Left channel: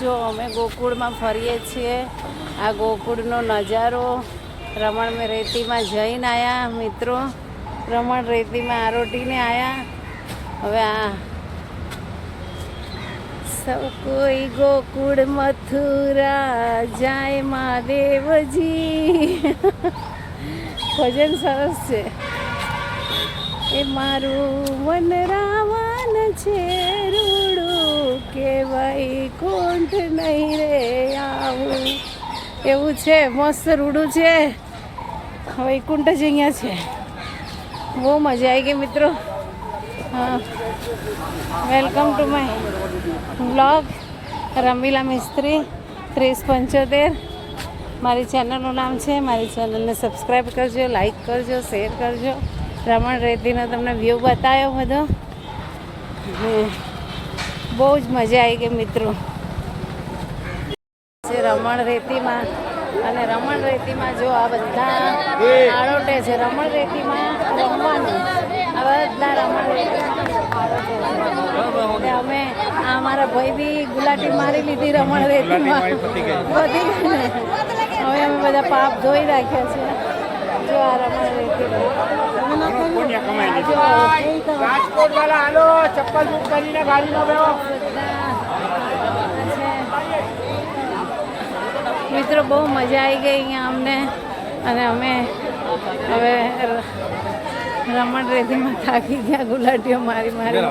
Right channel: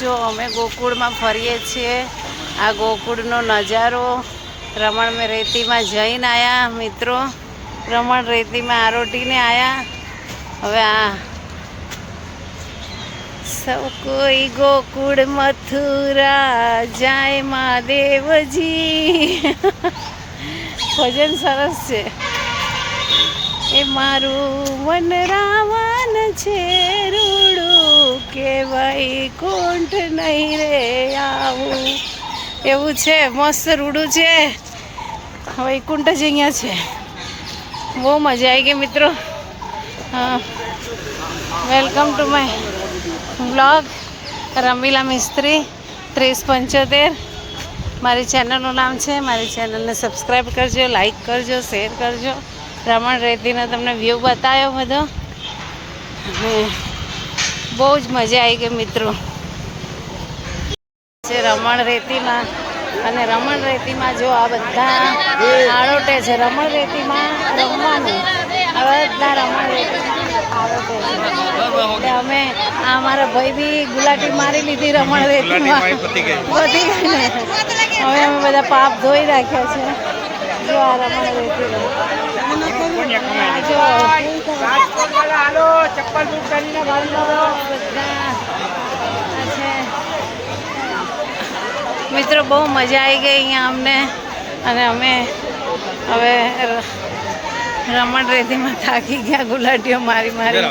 જો અમે ગોકુળમાં ફરીએ છીએ. આ ગોકુળનો નજારો. રમણ મેં રેતીમાં જઈને આવ્યા મિત્રો. રમણ રેતીમાં આરોટીને આવ્યા. હવે આ સૌ કોઈ ગોકુળ મથુરા જાય મહાદેવજી. ભજન સરસ છે. એ મારું મન રાવણ છે રૂડું કે વૈકુંઠ નહીં રે આવું. એવું છે, મસ્ત રૂડું છે. વૈકુંઠ જ અહીંયા છે. બહુ મજા આવી ગઈ મિત્રો. હા, welcome to my blog Ramila Mistry 3075. મારી ચેનલનું નામ છે. મારી ચેનલને સબસ્ક્રાઈબ કરજો, લાઈક કરજો, શેર કરજો. રમણ રેતીનો તમને વ્યૂ બતાવ્યો બધો. અને બહુ જ મજા આવી ગઈ મિત્રો. રમણ રેતીમાં અને રમણ રેતીમાં જો આ બધા આળોટે છે. રમણ રેતીમાં રમવાનું અમે અમારા ભાઈ બી ગુલાટી મારી લીધી રમણ રેતીમાં. હવે અમે બધા પાપ ધોઈ રાખ્યા છે. જો આ રમણ મિત્રો બહુ મજા આવી ગઈ અહીંયા અમને. અને અમે હવે રમણ રેતીમાં થાકી ગયા ગુલાટીઓ મારી મારી.